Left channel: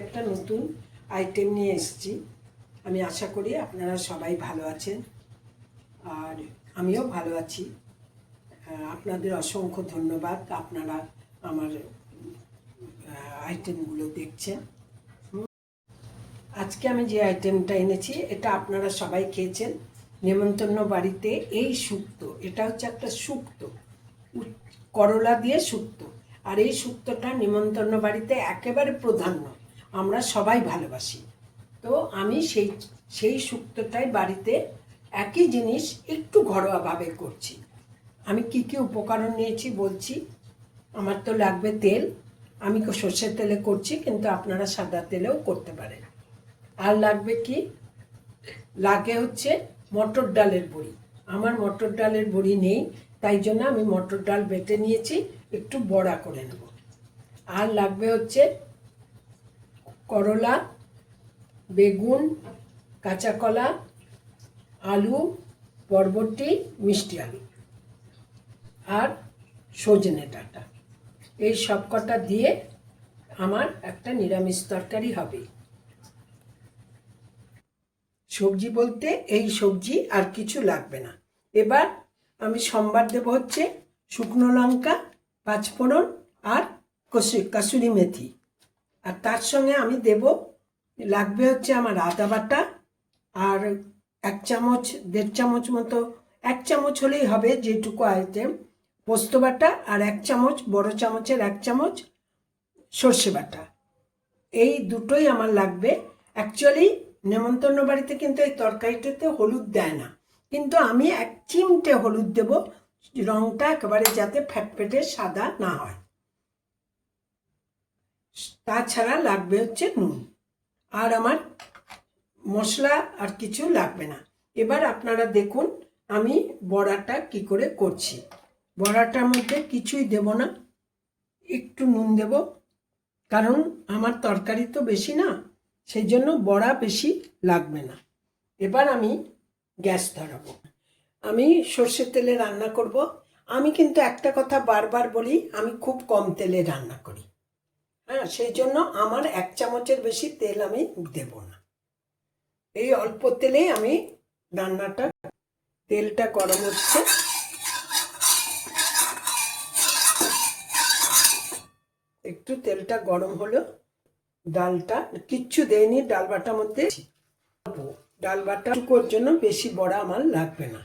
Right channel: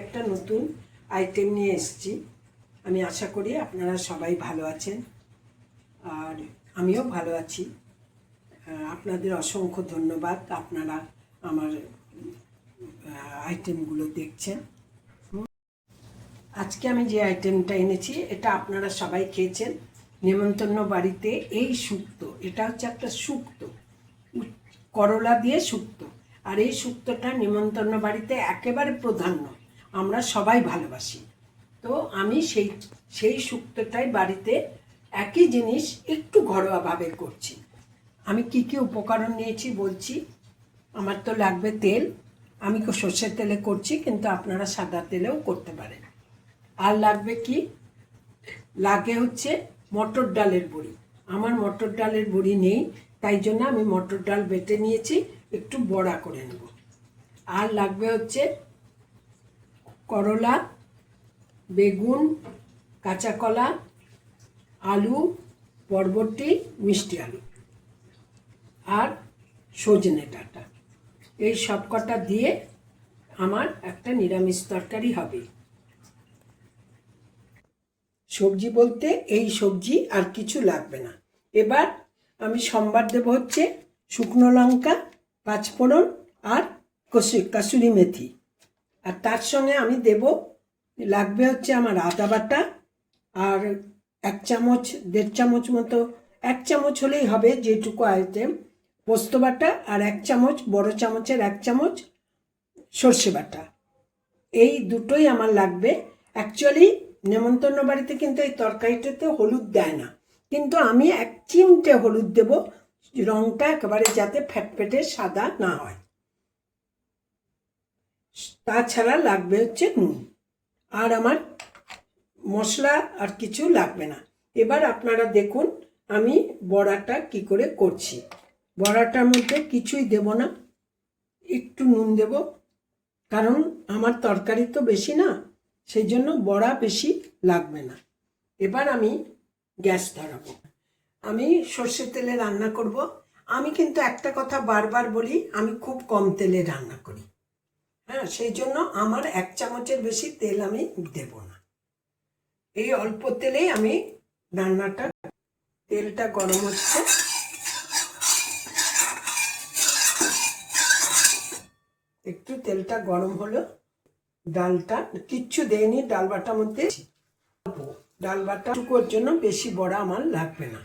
একটা নতুন আইটেম নিয়ে এসেছি। আমি আশা করি আপনারা সবাই ভালো আছেন আর আমিও ভালো আছি। আপনাদের অসংখ্য ধন্যবাদ, আপনারা আমার আইটেমগুলো দেখছেন। আজকে আমি যে আইটেমটা এনেছি এটা আপনারা সবাই খেয়েছেন নেমন্তন্ন বাড়িতে। এই শুক্তো, এটা হচ্ছে একটা শুক্তো, করলা দিয়ে শুক্তো। আর এই শুক্তোটা নেমন্তন্ন বাড়িতে একেবারে প্রাধান্য, আমরা সবাই ভালোবাসি। তো আমি সেই শুক্তোটাই বাড়িতে একই জিনিস একটু ঘরোয়াভাবে করছি। আমি কি কি উপকরণ নিয়েছি বলছি। আমার তো লাগবে তেল, আমি সর্ষের তেলে করছি, কিন্তু আপনারা সাদা তেলেও করতে পারেন। আর লাগবে কি, লাগে হচ্ছে মটর ডালের বড়ি। আমার মটর ডালের বড়ি নেই, তাই জন্য আমি মটর ডাল বেটে নিয়েছি, একটু বড়া করে নেব। আর লাগবে হচ্ছে করলা, বেগুন, কাঁচা কলা, আলু, বরবটি, মিষ্টি আলু আর সজনে ডাঁটা। এই সব কটা দিয়ে আমার একটা নিরামিষ তরকারি হবে। সবজি বলতে এই সবজি, আর কিছু লাগবে না। এবার আমি সম্বার দেব হচ্ছে শুকনো লঙ্কা, পাঁচফোড়ন আর কাসুরি মেথি। আর তার সঙ্গে আমি দেব, লাগবে হচ্ছে আমার আদা বাটা, আর 1 চামচ 1.5 চামচ মতো, 1 চামচ হলেই হবে যেটুকু আইটেম, পোস্ত বাটা, আর 1 চামচ, বড় চামচের 1 চামচ সর্ষে বাটা। এই দুটোই আমার লাগবে। অ্যাকচুয়ালি নেমন্তন্ন বাড়িতে কিন্তু এই তরকারিটাতে হলুদ দেয় না, কিন্তু আমি 1 চিমটে হলুদ দেব, রঙটা একেবারে যাতে ফ্যাটফেটে সাদা না হয়। তাছাড়া লাগবে হচ্ছে নুন। আর আমার মশলা আর কিছু লাগবে না। এবার আপনারা দেখুন আমি বড়াটা কি করে করছি। বড়াটার মধ্যে কিছুই দেব না, একটু নুন দেব, কারণ আমার তরকারি তো বেশি না, সেই জন্য বড়া বেশি লাগবে না। এবার আমি গ্যাস ধরাবো। আমি সর্ষের তেলে রান্না করব। আমি কিন্তু একটা কথা বারবার বলি, আমি খুব কম তেলে রান্না করি। হ্যাঁ, সেই জন্য আমার 1 চামচের বেশি তেল আমি দেব না। এই অল্প তেলেই আমি রান্নাটা, তেলটা গরম হচ্ছে, একটু তেলটা গরম হলো, ডালটা কিচ্ছু দেয়নি ডাল বাটার মধ্যে, ডাল বাটা টুকুর জন্য বেশি বড়া আমার লাগবে না।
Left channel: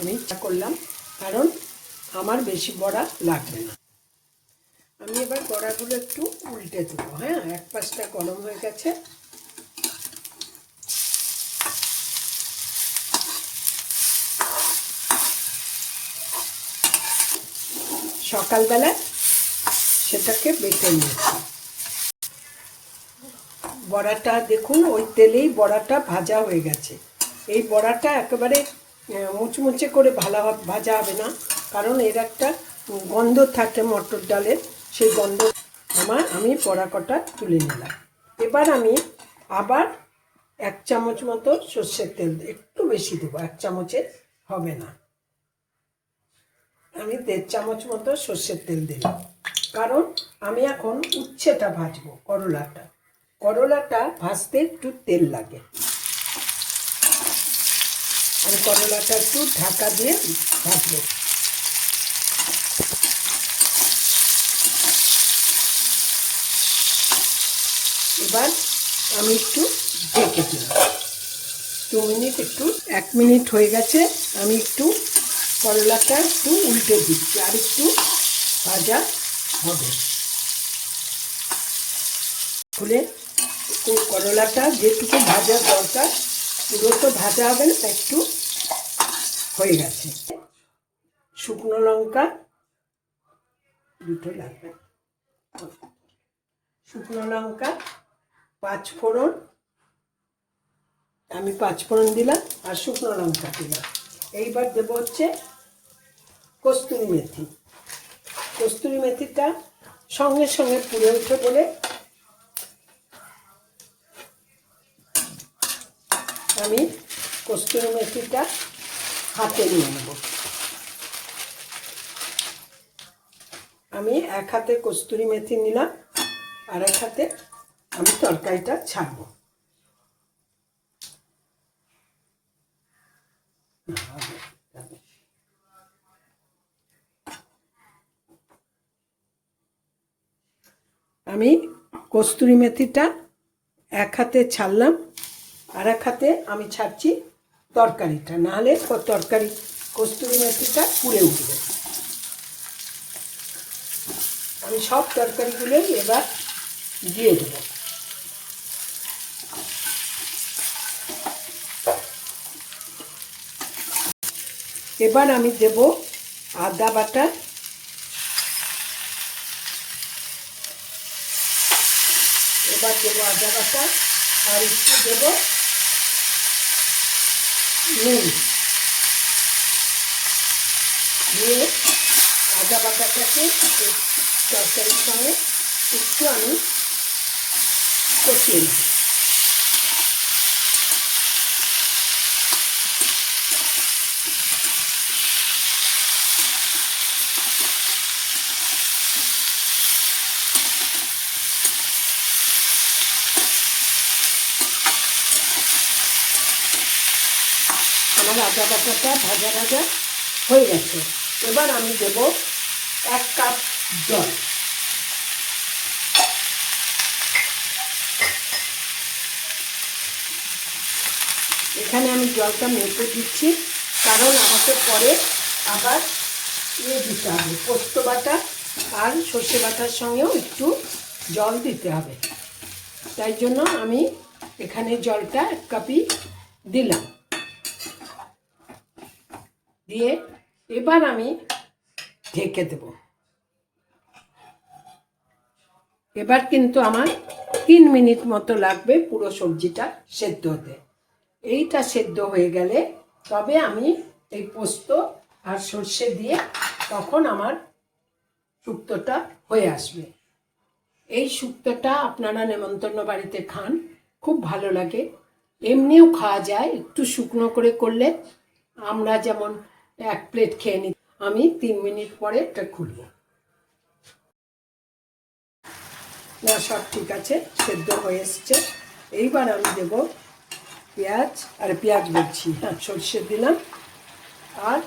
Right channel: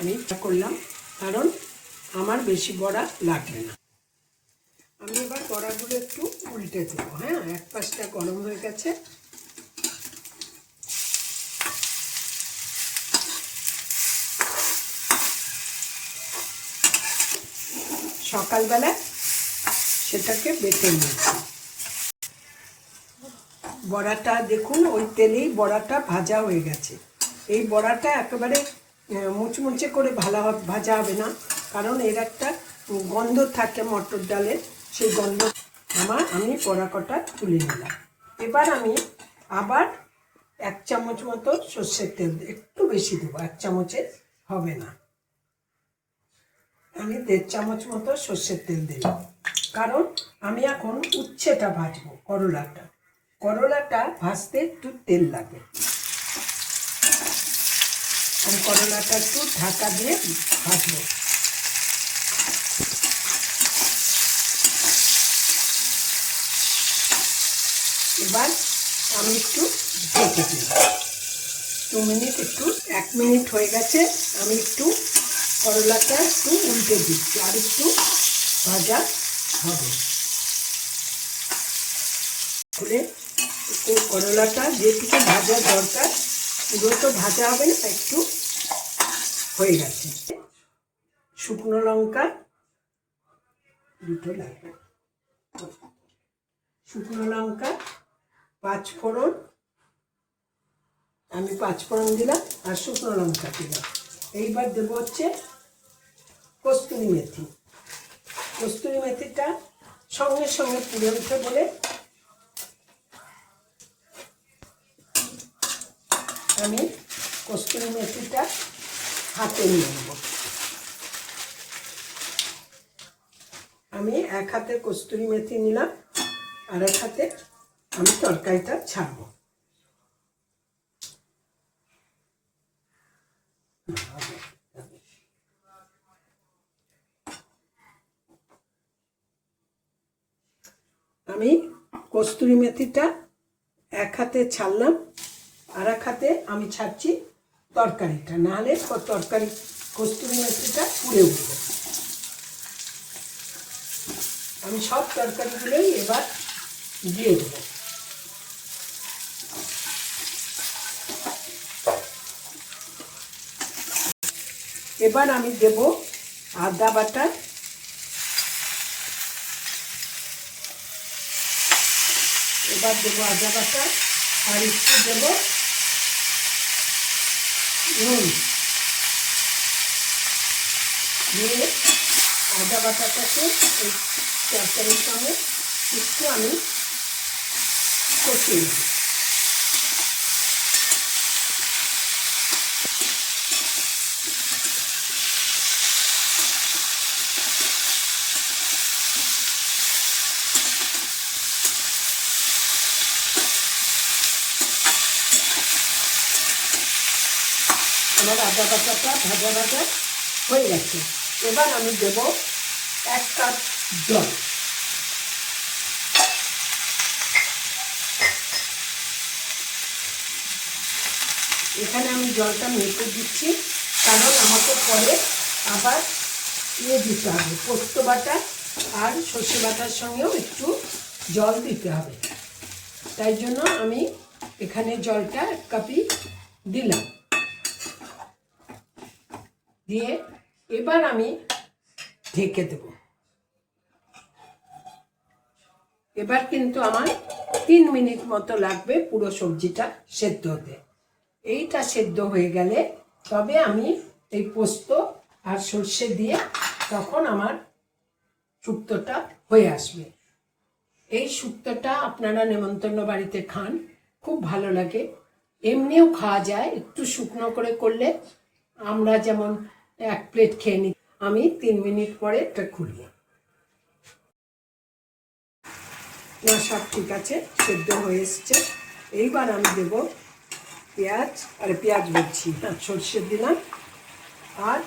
আমি করলাম কারণ আমার বেশি বড়া লাগবে না। আমি এবার বড়াগুলো একটু উল্টে দেবো। হ্যাঁ, এক পাশটা গরম হয়ে গেছে। সকালবেলা সেটাকে বেটে নিয়েছি। বড়াটা দেখুন, ওই তেলেই বড়াটা ভাজা হয়ে গেছে। এই বড়াটা একেবারে মুচমুচে করে ভাজা হবে না, কারণ এর একটা গন্ধ থাকে মটর ডালের, সেই গন্ধ আমি বড়া কটা তুলে নিলাম। এবার আমি আবার 1 চামচ মতো সর্ষের তেল, একটু বেশি দেবো, 1 চামচে হবে না, আমি 1.5 চামচ মতো সর্ষের তেল দিলাম। কারণ আমি এখন উচ্ছেটা ভাজবো, করলাটা ভাজতে একটু তেল লাগে। আমি করলাটা একটু ঢাকা দিয়ে ভাজবো। এবার আমি একটু ঢেকে দিলাম 2 মিনিট, একটু 1 মিনিট হয়ে গেছে। আমি একটু করলাটা একটু উল্টে দিচ্ছি, আর একটু ভাজা হবে। খুলে একটু করলাটা যেটুকু ভাজা দরকার পুরো তো ভাজা হবে না, একটু হয়ে গেছে। শুকনো লঙ্কা দুটো লাগবে, শুকনো লঙ্কা, 5 ফোড়ন, আমি 5 ফোড়ন দিলাম আর শুকনো লঙ্কা দিলাম। এইবার দেবো হচ্ছে কস্তুরি মেথি। কস্তুরি মেথিটা সঙ্গে সঙ্গে পুড়ে উঠে বলে আমি কস্তুরি মেথিটা হাতে নিয়ে নেব। আমি এক হাতে কস্তুরি মেথি নিলাম আর এক হাতে আমি তরকারিটা ছাড়বো। আমি কস্তুরি মেথিটা এক হাতে ছাড়লাম আর এক হাতে আমি ছাড়ছি তরকারিটা, নাহলে তরকারি কস্তুরি মেথিটা পুড়ে উঠবে। আমি সব তরকারিগুলোই এবার দিয়ে দেব। এবার আমি দেব আদা বাটা, এবার দেবো আদা বাটা আর একটু দেবো নুন দিয়ে আদা বাটাটাকে তরকারির সঙ্গে একটু আমি কষিয়ে নেব। আমার আদা বাটাটা ভাজা ভাজা হয়ে গেছে। এবার আমি দেব 1 কাপ জল। এখানে আমি জলটা মেপে দিচ্ছি, কারণ আমাকে পরে আবার দিতে হবে, পোস্ত বাটা আর সর্ষে বাটার সঙ্গেও একটু জল দিতে হবে। তাই জন্য আমি এখানে জলটা 1 কাপই দিলাম। দিয়ে এবার আমি ঢেকে দেব। এবার কিন্তু আমার 3 মিনিট মতো লাগবে পুরো সবজিটা সেদ্ধ হতে। এইটা সেদ্ধ হয়ে গেলে তবে আমি এই পোস্ত আর সর্ষে দিয়ে তখন আমার শুক্তোটা হয়ে আসবে। এই শুক্তোটা আপনারা নেমন্তন্ন বাড়িতে খান, খুব ভালো লাগে। এমনিও খাওয়া যায়, একটু শুকনো করে করলে। আমরা যেমন 1 প্লেট খেয়ে নিই। আমি 3 মিনিট পরে এটা খুলব। না, সব ঠিক আছে, সেদ্ধ হয়ে এসছে। এইবার আমি দেব পেঁয়াজ, আর পেঁয়াজ বলছি না, সর্ষে দিলাম আর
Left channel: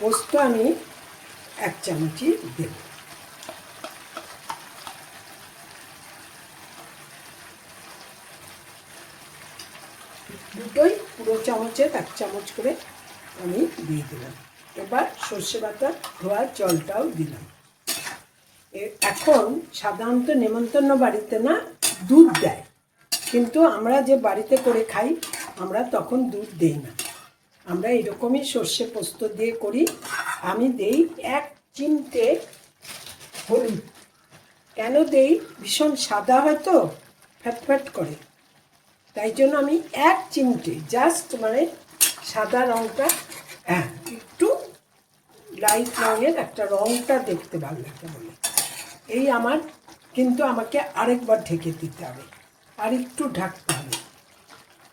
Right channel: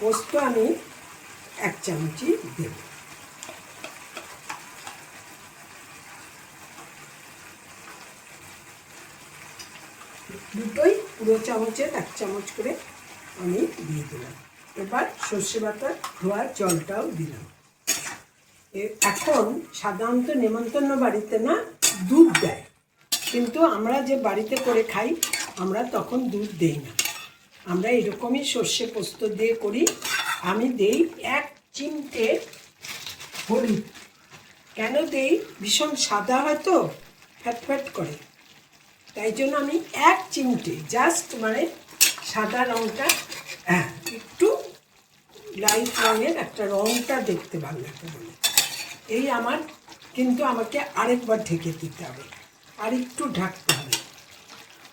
পোস্ত আমি 1 চামচই দেব। দুটোই পুরো চামচের 1 চামচ করে আমি দিয়ে দিলাম। এবার সর্ষে বাটা ধোয়ার জলটাও দিলাম। এখন সাধারণত নেমন্তন্ন বাড়িতে না দুধ দেয়, কিন্তু আমরা যে বাড়িতে করে খাই আমরা তখন দুধ দেই না। আমরা এরকমই সর্ষে পোস্ত দিয়ে করি। আমি দেই 1 চিমটে হলুদ। কেন দেই? ভীষণ সাদা হয়তো, ফ্যাট করে, তাই জন্য আমি 1 চিমটে, জাস্ট মানে সাদা রঙটা, হ্যাঁ, একটু লাইট রঙের একটা রঙটা দেখতে ভালো লাগে বলে এই আমার। কিন্তু আমাকে আরেকবার ঢেকে দিতে হবে, আর একটু ঢাকতে হবে।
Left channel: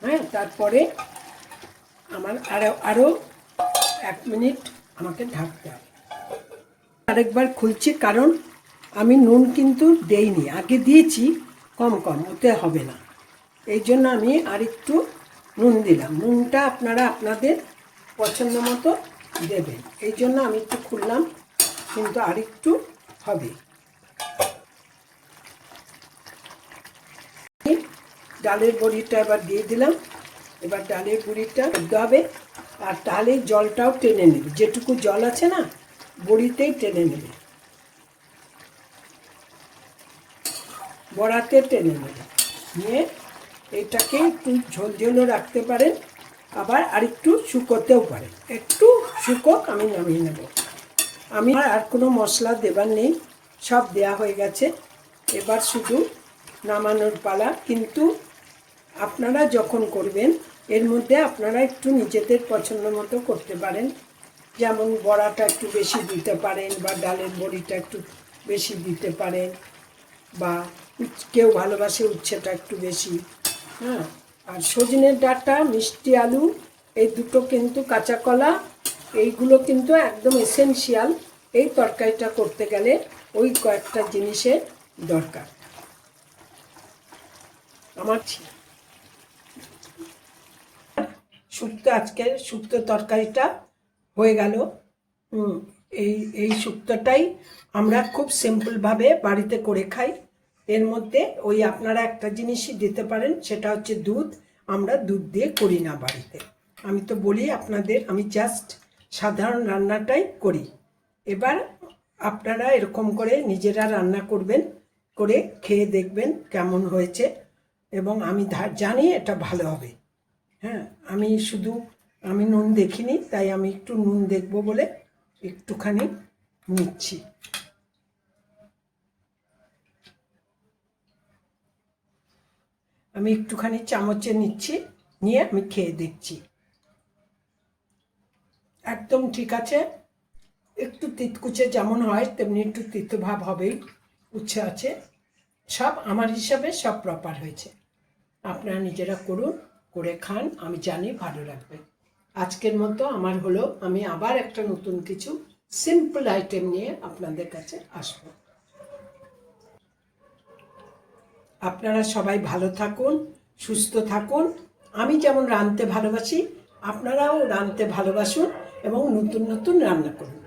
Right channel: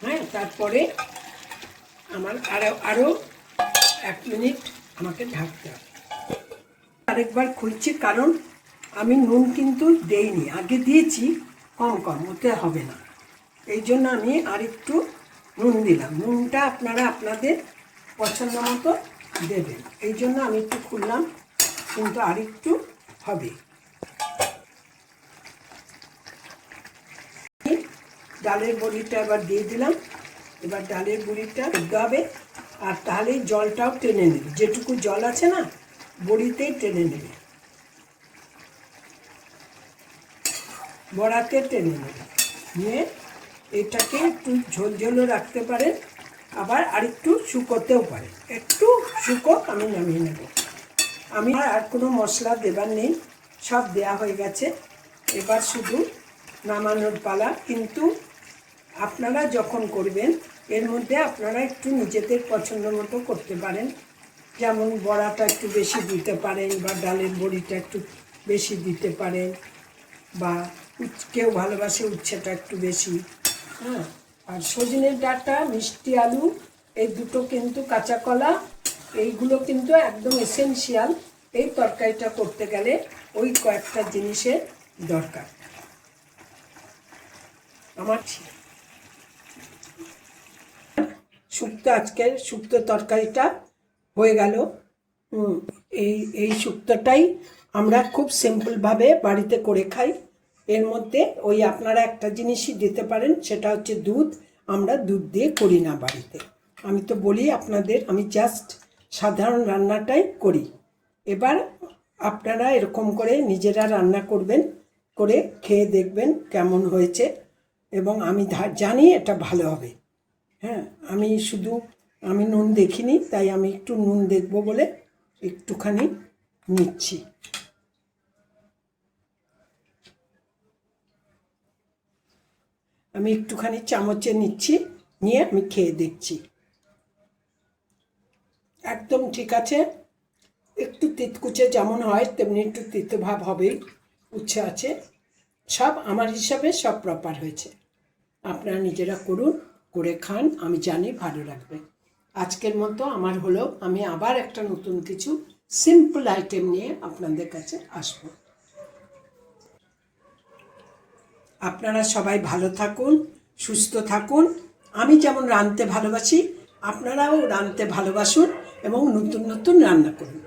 হ্যাঁ, তারপরে আমার আরও 1 মিনিট আমাকে ঢাকতে হবে। আরেকবার খুলছি, কারণ আমি নুন কিন্তু দেইনি, আগে দিয়েছি কম ওতে হবে না। এই জন্য আমি আরেকটু নুন দিলাম। নুনটা আপনারা আপনাদের পছন্দ মতো দেবেন। এই জন্য আমি একটু খুললাম, কিন্তু আরেকটু হবে। ডালের বড়িটা এবার দিয়ে দিলাম। এবার ডালের বড়িটা দিতে হবে, আর তাহলে জলটাও টেনে নেবে। যেটুকু জল আছে না, বড়িতেই টেনে নেবে, বড়াতে টেনে নেবে। নিয়ে এটাকে একটু ঝোলঝোলও রাখতে পারেন, আবার আরেকটু শুকোতেও পারে। একটু শুকোক, আমি নামিয়ে নেব। আমি আর কোনো মশলা দেবার নেই, সব দেয়া হয়ে গেছে। এবার শুধু নামানোর পালা। কিন্তু আপনারা যখন করবেন এর মধ্যে আপনারা একটু নিজেদের পছন্দ মতো করতে পারেন, যেমন বড়াটা একটু বেশি দিতে পারেন, বা ডালের বড়িটা একটু বেশি দিতে পারেন, বা কেউ ভালোবাসে উচ্ছেটা একটু বেশি। হ্যাঁ, আর সজনের ডাঁটা, মিষ্টি আলু, এই দুটো কিন্তু, কাঁচা কলা, এইগুলো কিন্তু একদম এসেনশিয়াল এই তরকারিটা করতে গেলে। ওই কয়েকটা জিনিসের দরকার আমার। শুক্তো, আজকের শুক্তো তরকারিটা হয়ে গেল। এই শুক্তোটাই আমরা খুব সিম্পলভাবে বাড়িতে করে খাই। এর মধ্যে ওই আপনারা একটা জিনিসই দিতে পারেন, সেটা হচ্ছে দুধ। আমরা দুধ দিয়ে করি না বাড়িতে। আমি তো বলি আপনাদের, আমি জাস্ট সাধারণ রান্নাটাই করি। এবার আপনারা এরকম করে নিজেরা রান্না করবেন, করে খেয়ে দেখবেন কেমন হয়েছে, এবং আমি জানি এটা ভালো হবে। হ্যাঁ, আমি নুন দেখিনি, তাই আমি একটু নুন দেখব বলে একটুখানি নিচ্ছি। আমি একটুখানি চামচে নিচ্ছি, নিয়ে আমি খেয়ে দেখছি। একদম ঠিক আছে। একটু তিতকুচে যেমন হয় তেমনি একটু তিতো ভাব হবেই, উচ্ছে আছে। সব আমার হিসাবে সব প্রপার হয়েছে। আপনারা নিজেরা করুন, করে খান, আমি জানি ভালো লাগবে। আজকের মতো আমার হলো, আমি আবার একটা নতুন কিছু সিম্পল আইটেম নিয়ে আপনাদের কাছে আসব। আপনারা সবাই ভালো থাকুন, সুস্থ থাকুন। আমি যেমন রাঁধতে ভালোবাসি, আপনারাও রাঁধতে ভালোবাসুন এবং নতুন নতুন রান্না করুন।